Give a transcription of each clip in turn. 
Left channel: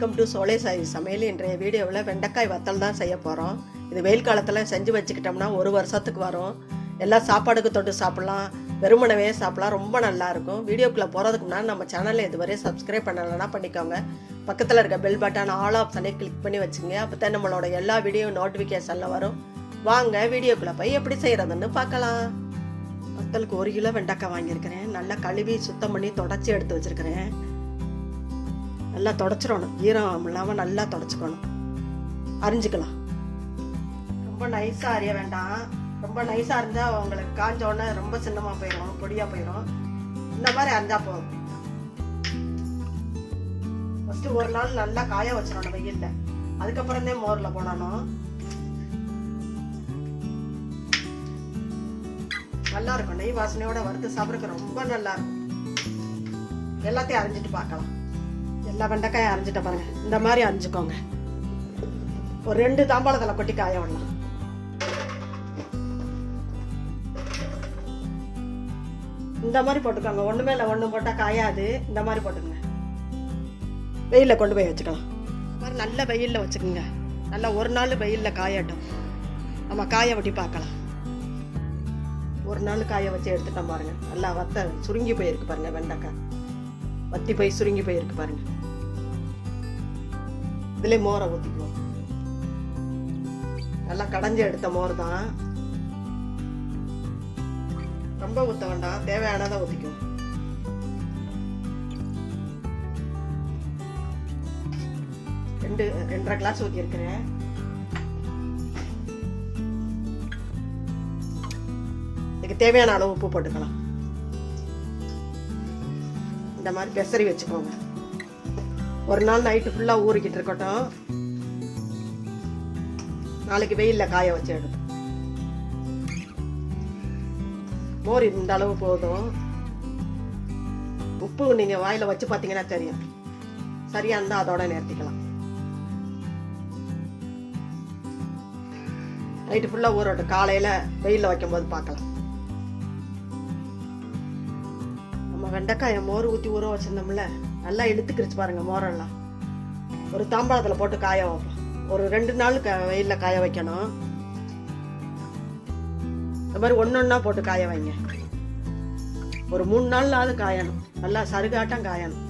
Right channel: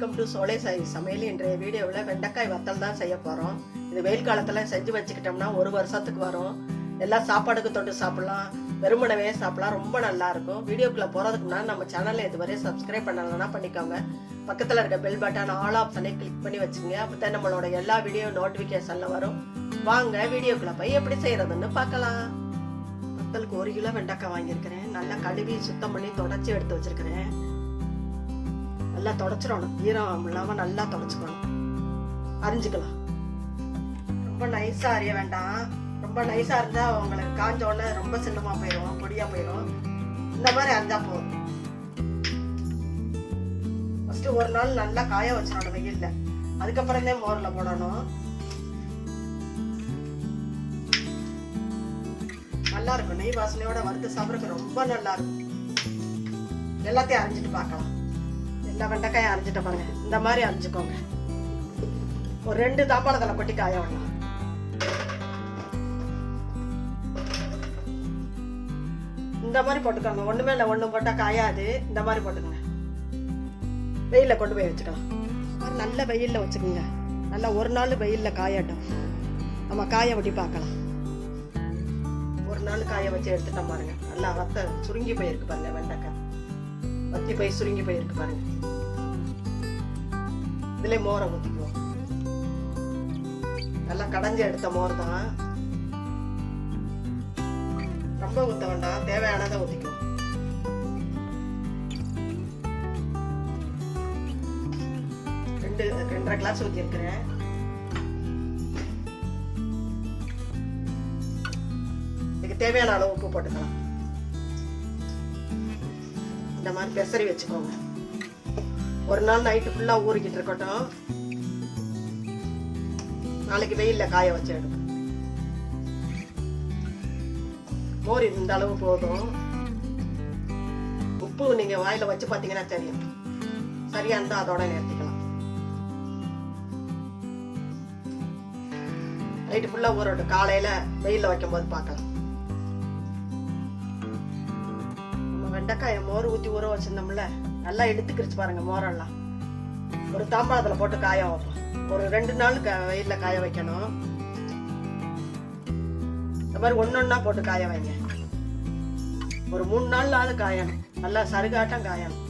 Welcome to சோலை சாய் சமையல். இன்றைய வீடியோவில் வெண்டைக்காய் வத்தல் தான் செய்ய போகிறோம். இது வெயில் காலத்தில் செஞ்சு வச்சுக்கிட்டோம்னா ஒரு வருஷத்துக்கு வரும். எல்லாம் சாப்பாடுக்கு தொட்டு சாப்பிட்லாம், வெறுமனவே சாப்பிட்லாம், ரொம்ப நல்லாயிருக்கும். வீடியோக்குள்ளே போகிறதுக்கு முன்னாடி நம்ம சேனலில் இதுவரை சப்ஸ்கிரைப் பண்ணலைன்னா பண்ணிக்கோங்க. பக்கத்தில் இருக்க பெல் பட்டன் ஆல் ஆப்ஷனை கிளிக் பண்ணி வச்சுங்க. அப்போ தான் நம்மளோட எல்லா வீடியோ நோட்டிஃபிகேஷனில் வரும். வாங்க வீடியோக்குள்ளே போய் எப்படி செய்கிறதுன்னு பார்க்கலாம். வத்தலுக்கு 1 கிலோ வெண்டைக்காய் வாங்கியிருக்கிறேன். நல்லா கழுவி சுத்தம் பண்ணி தொடச்சி எடுத்து வச்சுருக்கிறேன். நல்லா தொடச்சிடணும், ஈரம் இல்லாமல் நல்லா தொடச்சிக்கணும். அரிஞ்சிக்கலாம். ரொம்ப நைஸாக அரிய வேண்டாம். ரொம்ப நைஸாக இருந்தால் உங்களுக்கு காஞ்ச உடனே ரொம்ப சின்னமாக போயிடும், பொடியாக போயிடும். இந்த மாதிரி அரிஞ்சால் போதும். ஃபஸ்ட்டு ஒரு நாள் நல்லா காய வச்சிடணும் வெயிலில். அதுக்கப்புறம் தான் மோரில் போடணும். நல்லா இருக்கும். நெய் வாசனையோட வறுத்து சாப்பிட்றதுக்கு ரொம்ப நல்லா இருக்கும். எல்லாத்தையும் அரிஞ்சிட்டு பார்க்கலாம். எல்லா வெண்டைக்காயை அரிஞ்சிட்ட பாருங்க. இந்த மாதிரி அரிஞ்சுக்கோங்க. ஒரு 2 தாம்பாளத்தில் கொட்டி காய விடணும். இந்த மாதிரி போட்டுக்கோங்க. ஒன்று மேலே ஒன்று போட்டால் காயாது. இந்த மாதிரி போட்டுக்கோங்க. வெயிலில் கொண்டு போய் வச்சுக்கலாம். இந்த மாதிரி நல்ல வெயிலில் வச்சுக்கோங்க. நல்லா ஒரு நாள் வெயிலில் காயட்டும். நம்ம காய வெட்டி பார்க்கலாம். ஒரு நாள் காய வச்சு எடுத்துட்டோம் பாருங்க. நல்லா வத்த சுருங்கி போயிருக்கு பாருங்க. வெண்டைக்காய் வத்தி போய் சுருங்கி போயிருக்கு பாருங்க. இதுல மோரை ஊற்றிக்குவோம். நல்லா கடைஞ்சி எடுத்த மோர் தான். ரொம்ப ஊற்ற வேண்டாம், தேவையானதை ஊற்றிக்குவோம். ரெண்டரை கிளாஸ் ஊற்றி இருக்கிறேன். இதுக்கு தேவையான அளவு உப்பு போட்டுக்கலாம். இந்த மாதிரி பெசரி வச்சுக்கோங்க. ஒரு நாள் நைட்டு ஃபுல்லாக ஊறிக்கிட்டு இருக்கட்டும். நாளைக்கு வெயிலில் காய வச்சு எடுத்து. மோர் இந்த அளவு போதும். உப்பு நீங்கள் வாயில் வச்சு பார்த்தீங்கன்னா தெரியும். சரியா இருந்தால் அதோட நிறுத்திக்கலாம். நைட்டு ஃபுல்லாக ஊறட்டும். காலையில் வெயிலில் வைக்கும் போது பார்க்கலாம். வெண்டைக்காயை மோர் ஊற்றி ஊற வச்சிருந்தோம்ல, நல்லா இழுத்துக்கிடுச்சு பாருங்க. மோரெல்லாம் ஒரு தாம்பாளத்தில் போட்டு காய வைப்போம். ஒரு 2 நாள் வெயிலில் காய வைக்கணும். இந்த மாதிரி ஒன்னொன்னா போட்டு காய வைங்க. ஒரு 3 நாளாவது காயணும். நல்லா சருகாட்டம் காயணும்.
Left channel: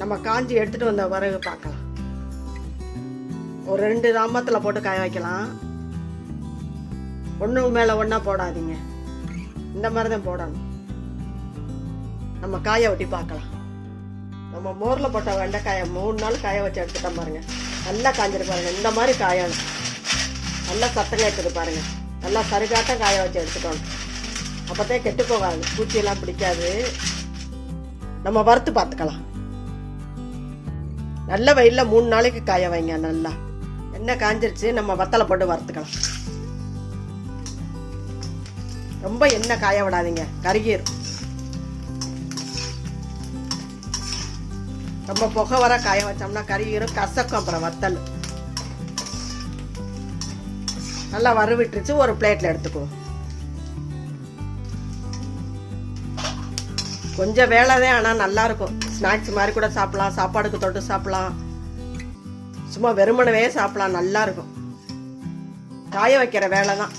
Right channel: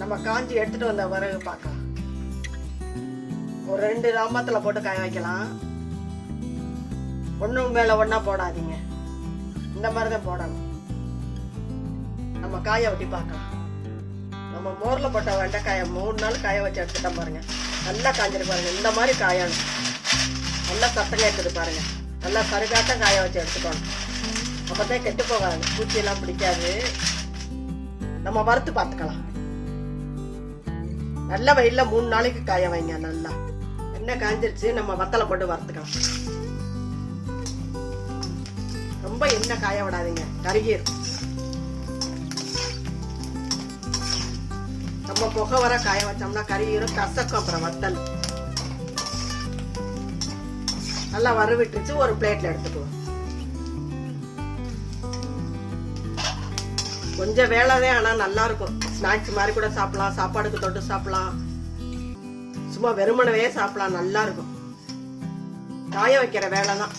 நம்ம காஞ்சி எடுத்துட்டு வந்த வரகு பார்க்கலாம். ஒரு 2 தாம்பத்தில் போட்டு காய வைக்கலாம். ஒன்று மேலே ஒன்றா போடாதீங்க. இந்த மாதிரி தான் போடணும். நம்ம காய வெட்டி பார்க்கலாம். நம்ம மோரில் போட்ட வெண்டைக்காயை 3 நாள் காய வச்சு எடுத்துட்டோம் பாருங்க. நல்லா காஞ்சிட்டு பாருங்க. இந்த மாதிரி காயணும். நல்லா சத்தம் கேட்குது பாருங்க. நல்லா சருகாட்டம் காய வச்சு எடுத்துக்கணும். அப்போதான் கெட்டு போகாது, பூச்சியெல்லாம் பிடிக்காது. நம்ம வறுத்து பார்த்துக்கலாம். நல்ல வெயிலில் 3 நாளைக்கு காய வைங்க. நல்லா எண்ணெய் காஞ்சிருச்சு. நம்ம வத்தலை போட்டு வறுத்துக்கலாம். ரொம்ப எண்ணெய் காய விடாதீங்க, கருகிரும். நம்ம புகை வர காய வச்சோம்னா கருகிரும், கசக்கும். அப்புறம் வத்தல் நல்லா வறுவிட்டுருச்சு. ஒரு பிளேட்ல எடுத்துக்குவோம். கொஞ்சம் வேலைதான், ஆனா நல்லா இருக்கும். ஸ்நாக்ஸ் மாதிரி கூட சாப்பிடலாம், சாப்பாடுக்கு தொட்டு சாப்பிடலாம், சும்மா வெறுமனவே சாப்பிடலாம். நல்லா இருக்கும். காய வைக்கிற வேலை தான்.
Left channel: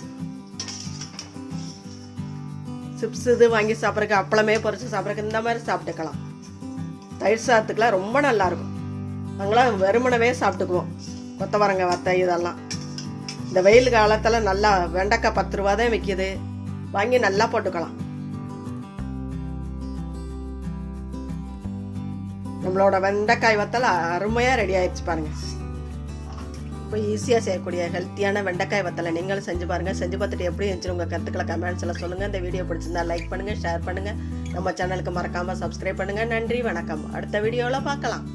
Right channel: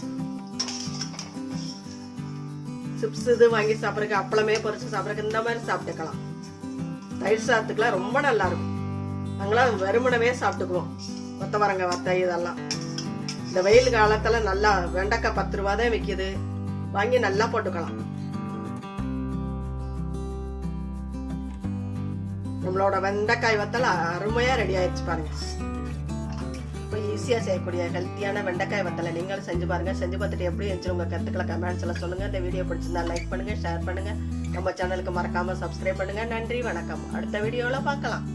சிப்ஸ் இது வாங்கி சாப்பிட்றதுக்கு, அப்பளமே பொரிச்சு சாப்பிட்றதுக்கு இந்த மாதிரி சாப்பிட்டுக்கலாம். தயிர் சாதத்துக்குலாம் ரொம்ப நல்லா இருக்கும். நாங்களாம் வெறுமனவே சாப்பிட்டுக்குவோம். கொத்தவரங்க வத்தை இதெல்லாம். இந்த வெயில் காலத்தில் நல்லா வெண்டைக்காய் 10 ரூபா தான் விற்கிது. வாங்கி நல்லா போட்டுக்கலாம். நம்மளோட வெண்டைக்காய் வத்தல் அருமையாக ரெடி ஆயிடுச்சு பாருங்க. இப்போ ஈஸியாக செய்யக்கூடிய ஹெல்த்தியான வெண்டைக்காய் வத்தலை நீங்களும் செஞ்சு பாருங்கள். செஞ்சு பார்த்துட்டு எப்படி இருந்துச்சு உங்கள் கருத்துக்களை கமெண்ட்ஸில் சொல்லுங்கள். இந்த வீடியோ பிடிச்சிருந்தா லைக் பண்ணுங்கள், ஷேர் பண்ணுங்கள். நம்ம சேனலுக்கு மறக்காமல் சப்ஸ்கிரைப் பண்ணுங்கள். நன்றி, வணக்கம். அடுத்த வீடியோவில் பார்க்கலாம்.